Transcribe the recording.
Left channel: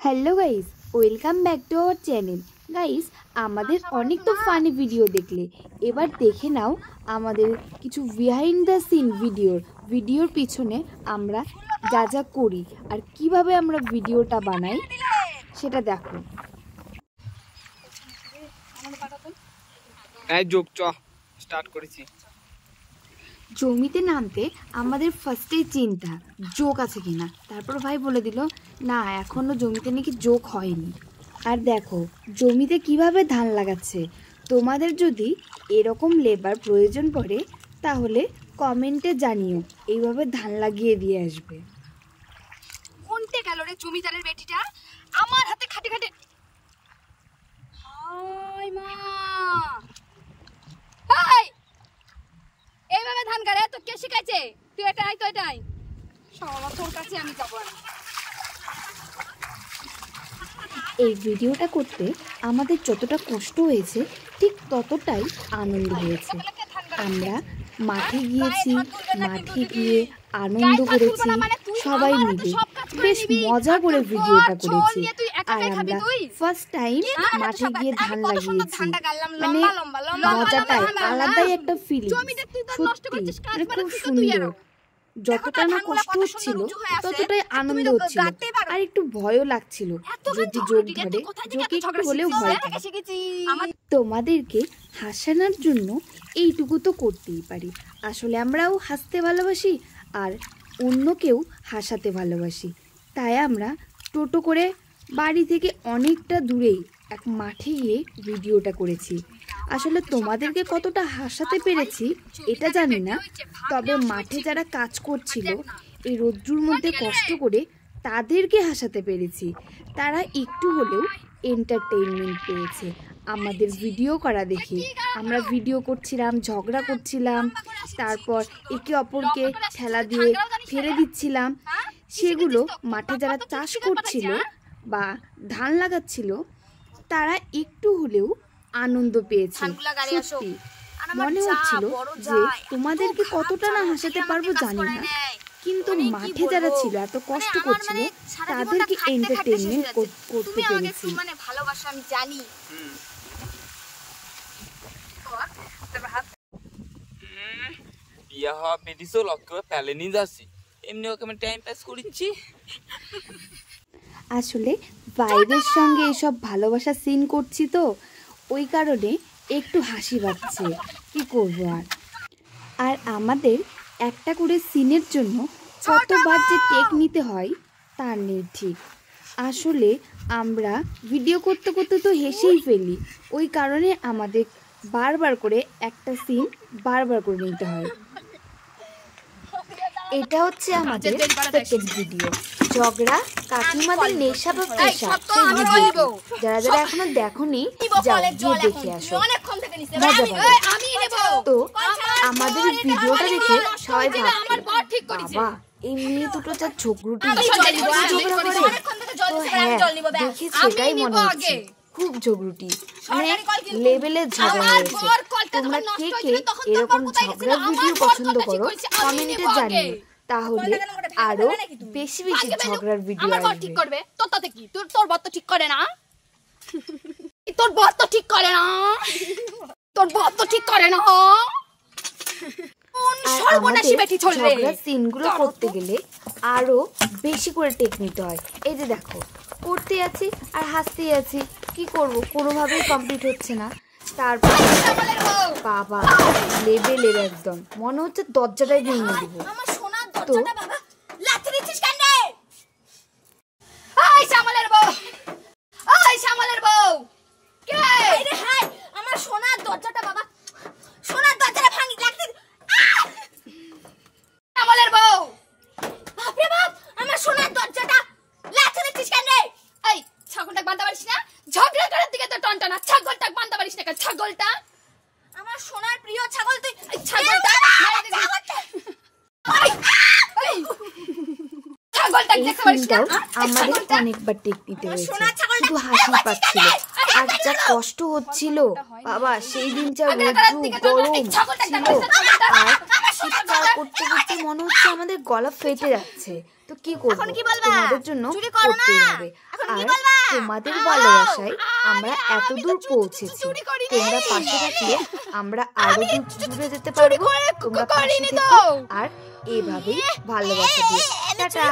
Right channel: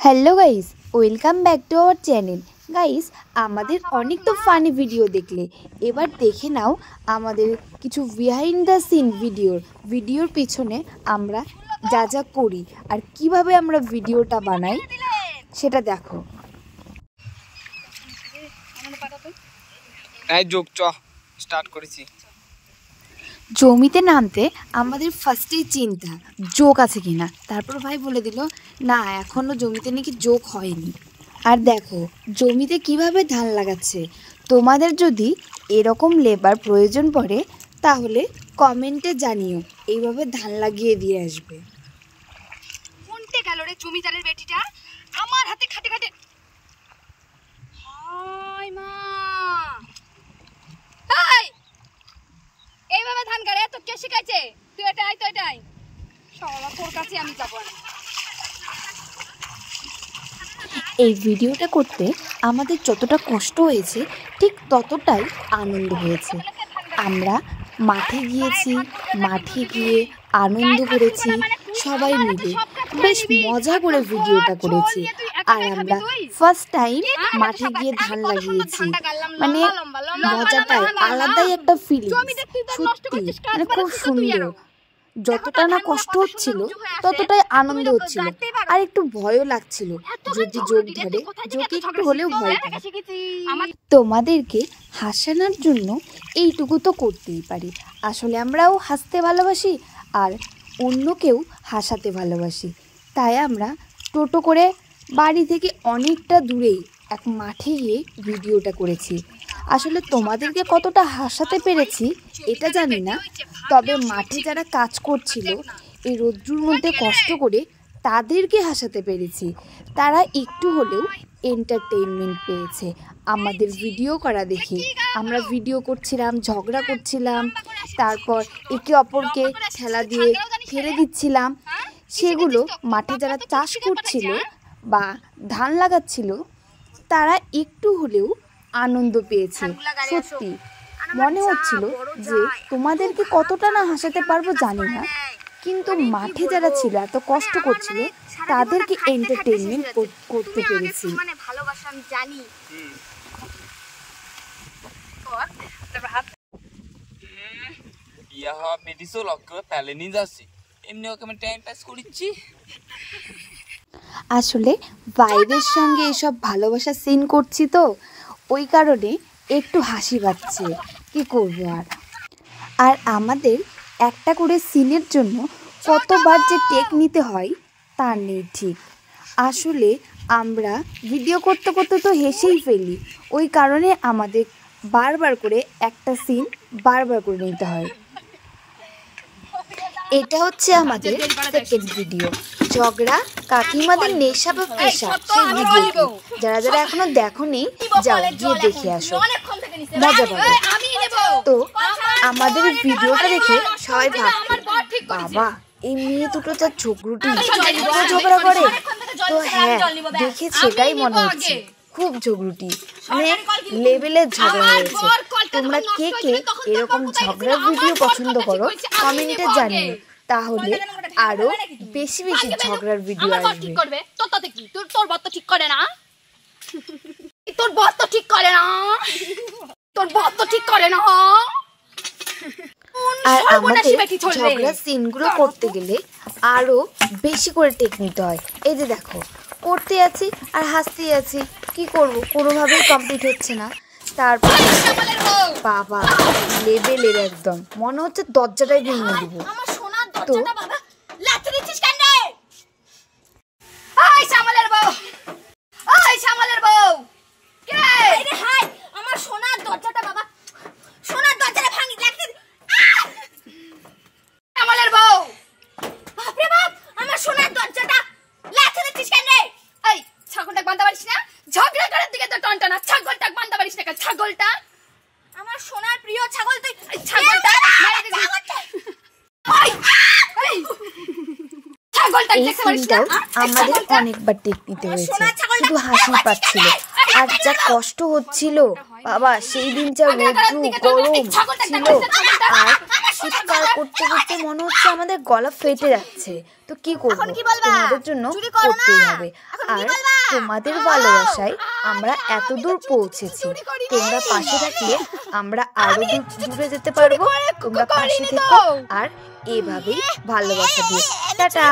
Hello guys, welcome back to our channel. Guys, আমাদের অনেক তো ফানি ভিডিও দেখলে, এবার দেখে নাও আমাদের কিছু বিহাইন্ড দ্য সিন ভিডিওর পিছনে আমরা যা যা করি আর কিভাবে আমরা ভিডিওটা বানাই সেটা দেখো। স্টার্ট করেছি। জমিতে নামতে আমাদের ফার্স্টেই চিন্তা যোগ আছে কিনা। তারপর ভাই বলে দিল না, এখনও জমিতে নাকি যোগ হয়নি। আর দেখো জমিতে কিভাবে ধান লাগাচ্ছে। তোমাদের যদি এরকম লেবার প্রয়োজন পড়ে তাহলে কমেন্টে জানিও, এইভাবে ধান লাগিয়ে দিয়ে আসবে। কোনতে গেল রে জমিদারের বেটিটা? আমার হাতে খাটে খাটে হায় মা, এইভাবে ধান গাড়ে তো কে শিখাইছে? তুই এটাই তো এটাই সব তোর কাছে আমি যাব না। এই ভিডিওটা করতে আমাদের যতটা কষ্ট হয়েছে ঠিক ততটাই আনন্দ হয়েছে। আমরা মাঠে গিয়েছি, মাঠে গিয়ে আনন্দ করেছি সবাই মিলে, বেশ মজা করে ভিডিওটা করেছি। আর আমরা ফার্স্ট টাইম মাঠে গিয়ে ধান লাগিয়েছি, মানে মজাটাই আলাদাই একটা ফিলিং। সত্যি মানে খুব সুন্দর। যতটা না কষ্ট হচ্ছিল ততটাই আনন্দ হচ্ছিল, আর একটু ভয়ও লাগছিল যদি যোগ ধরে, যোগ একটু হলেও ভয় থাকে। তোমাদেরকে হাসানোর জন্য এইটুকু তো করতেই পারি। আসলে আমরাও হাসতে ভালোবাসি আর অন্যকেও হাসাতে ভালোবাসি, তাই আমরা টোটো করে বাড়ি থেকে অনেকটা দূরেই এক মাঠে গিয়ে ভিডিওটা করেছি। আসলে তোমাদেরকে কতটা হাসাতে পেরেছি এটা জানি না, তবে মাঠে যারা কাজ করছিল এই রোদ্রুর মধ্যে কষ্ট করে তাদেরকে হাসাতে পেরেছি। তারা একটু হলেও এন্টারটেইনমেন্ট পেয়েছে আমাদের ভিডিও করা দেখে। আমরা ভিডিও করছিলাম, ঝগড়া করছিলাম, তারপর একে অপরকে ঠেলা দিয়ে ফেলে দিচ্ছিলাম। সেগুলো মাঠে যারা চাষ করছিল বা ধান লাগাচ্ছিল তারা একটু হলেও আনন্দ পেয়েছে। সত্যি মনে হচ্ছিল যে তোমাদেরকে কতটা না হাসাতে পারবো জানি না, কিন্তু মাঠে যারা ছিল এত কষ্ট করছিল তাদেরকে এন্টারটেইনমেন্ট করতে পেরেছি। বিয়া হওয়া বেটিসও লক্ষ্য প্যালেনি যাচ্ছি, এমনি ওকে আমি টাইম পাস করছি। আসলে বাইরের সঙ্গে এসব ভালোবাসা সিন করছি তো ওই কারণে একটু হাসি পাচ্ছে, কি করবো। আর আমাদের একটা করে সিনের জন্য কতবার যে টেক নিতে হয় তা নেই ঠিক। আসলে আমরা ভিডিও করতে করতে তো হেসেই ফেলি, ওই কারণে আমাদের বারবার করে একটা সিন বারবার করে নিতে হয়। এটা হচ্ছে আমাদের সেকেন্ড ভিডিও, ঝগড়া কাকিমাদের নেশা বা পেশা, সেই ভিডিও। যারা যারা এখনো দেখোনি যাও গিয়ে দেখে আসো, মজা পাবে। তো আমাদের ভিডিওটা দেখে সবাই ভাবছে বাবা এই মেয়ে দুটো যা ঝগড়ুটি ঝগড়া করে। তো হ্যাঁ, দেখে সেটাই মনে হচ্ছে খুব ঝগড়ুটি, মানে লেভেলের ঝগড়া হয়েছে। তোমরা কে কে এরকম ঝগড়ার ভিডিও পছন্দ করো কমেন্টে জানিও, তাহলে আরো বেশি বেশি ঝগড়ার ভিডিও আসবে। তোর বর তো ঠিক করে না, তোর বর তো ঠিক করে না, তোর বর তো ঠিক করে না। আর আমাদের ঝগড়ার সিনগুলো করতে গেলে আরো বেশি করে টেক নিতে হয়। এই যে দেখো করতে আছি আর হাসতেই আছি, কি করব, কোনোভাবেই কমপ্লিট হচ্ছে না। তারপর বাবা লেভেলের একদম মনে হচ্ছে দরজাটাই ভেঙে দেবো। তো আমার সোনার দরজাটা বাবা, সোনার দরজাটা ভাঙি লাগছে। আমাদের বউ, বাপরে বাপ, আমার সোনার দরজাটা লাগছে দিচ্ছিস কেন রে? এই ছাগলটা বাঁধতে পারিস না? ঝগড়া করার দিকে তো টনটনা, ছাগলটা বাঁধতে পারিস না? ছাগলটা আমার সোনার প্রিয় ছাগল, তুই ছাগলটা এই সিনটাও আমাদের অনেকবার টেক নিতে হয়েছে, শুধু হাসি পাচ্ছিল আর যা কষ্ট হচ্ছিল বাবা। সেই দিন যা রোদ্রু গরম ছিল আর চিৎকার করতে করতে মনে হচ্ছে আমাদের গলা ফেটে যাচ্ছে। তো কি করবো, তোমাদের জন্য করতেই হবে। আর তোমাদের ভালোবাসায় আমরা এত দূর পৌঁছেছি, তোমরা পাশে থাকলে আমরা আরো দূরে যেতে পারবো। তোমরা পাশে থেকো আর এভাবেই ভালোবাসা দিও। টাটা।